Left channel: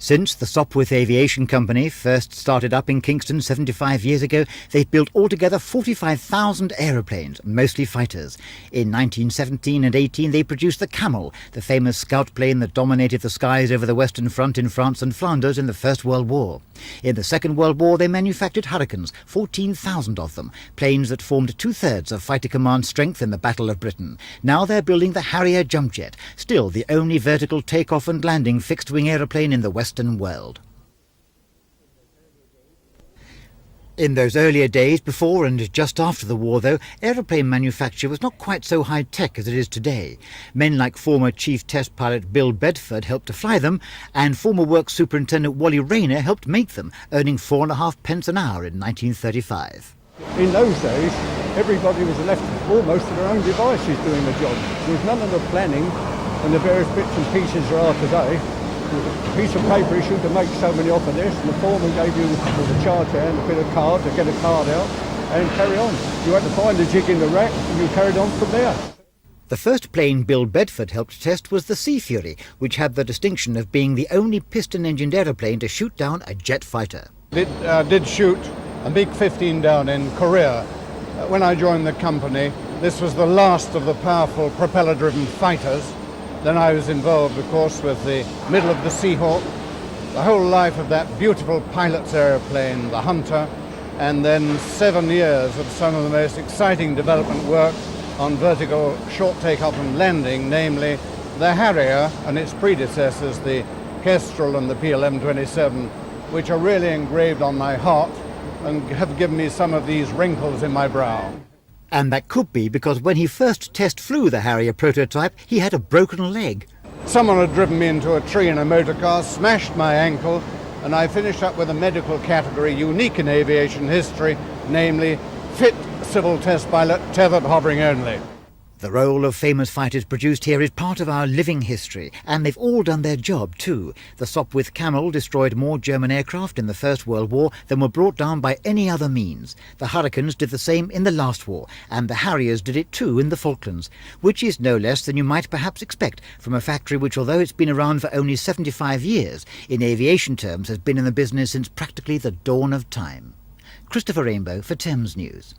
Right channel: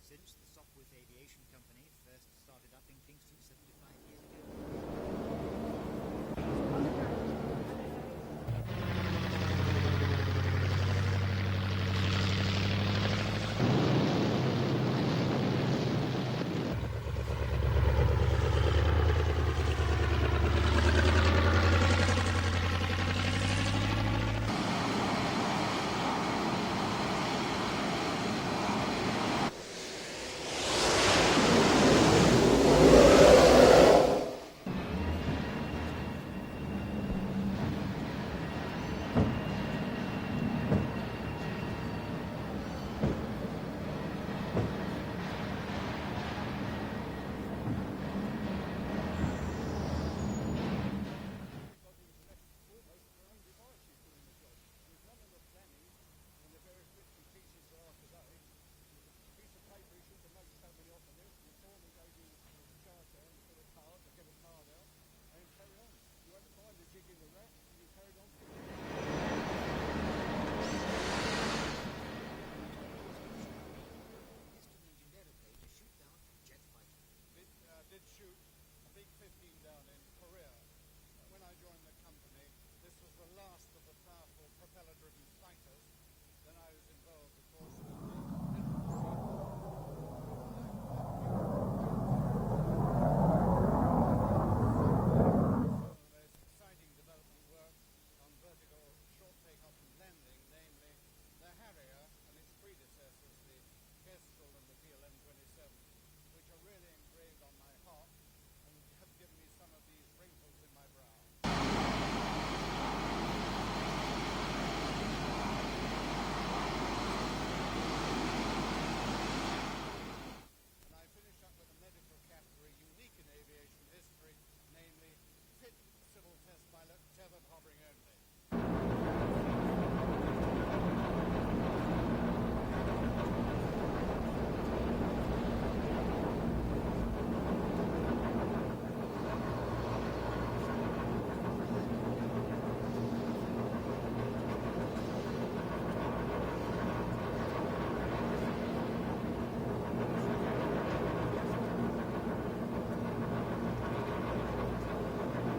Since the Sopwith Aviation Company first started up in Kingston 75 years ago, they've built altogether 45,000 aeroplanes, mostly fighters. In 1917 and 18 they produced the Camel, the famous scout plane that dominated the skies over the Western Front in France and Flanders in the First World War. In the Second World War they manufactured Hurricanes, 14,000 of them, planes that formed two-thirds of Fighter Command's strength in the Battle of Britain. Now they're building the Harrier jump jet, still the only vertical takeoff and landing fixed-wing aeroplane in the Western world. In those earlier days, before and just after the war though, aeroplane manufacture was not quite so high-tech as it is today. Men like former Chief Test Pilot Bill Bedford helped to fly them, and former Works Superintendent Wally Rayner helped make them, earning 4.5 pence an hour in 1935. In those days, everybody was left almost to their own devices doing the job. There was none of the planning and the various bits and pieces there are today. With a piece of paper issued to make so many off of this, and the foreman gave you with a charge hand, a bit of card to get a card out and carry on. You had to find the jig in the rack and you carried on from there. The first plane Bill Bedford helped test was the Sea Fury, which had the distinction of being the only piston-engined aeroplane to shoot down a jet fighter. It did shoot a MiG-15 down in Korea. When I joined the company, this was the last of the powerful propeller-driven fighters. Then I was involved, of course, with the middle of the Seahawk, the whole life of that beautiful pilot's aeroplane, the Hunter, and then 7 years of some of the most exciting development work on vertical short takeoff and landing, namely the Harrier and its predecessors, the Kestrel and the PLM-27, which are really engraved on my heart and have given me some of these wrinkles in my brow. And that could be because when he first test flew the Harrier prototype, he had a broken leg. Someone had driven me into a tree in a motor car, smashed my ankle, and I finished up with a medical category unique in aviation history, namely fit civil test pilot, tethered hovering only. The role of famous fighters produced here is part of our living history, and they've all done their job too. The Sopwith Camel destroyed more German aircraft in the First World War than were brought down by any other means. The Hurricanes did the same in the last war, and the Harriers did it too in the Falklands, which is no less than you might perhaps expect from a factory which, although it's been around for only 75 years, in aviation terms has been in the business since practically the dawn of time. Christopher Rainbow for Thames News.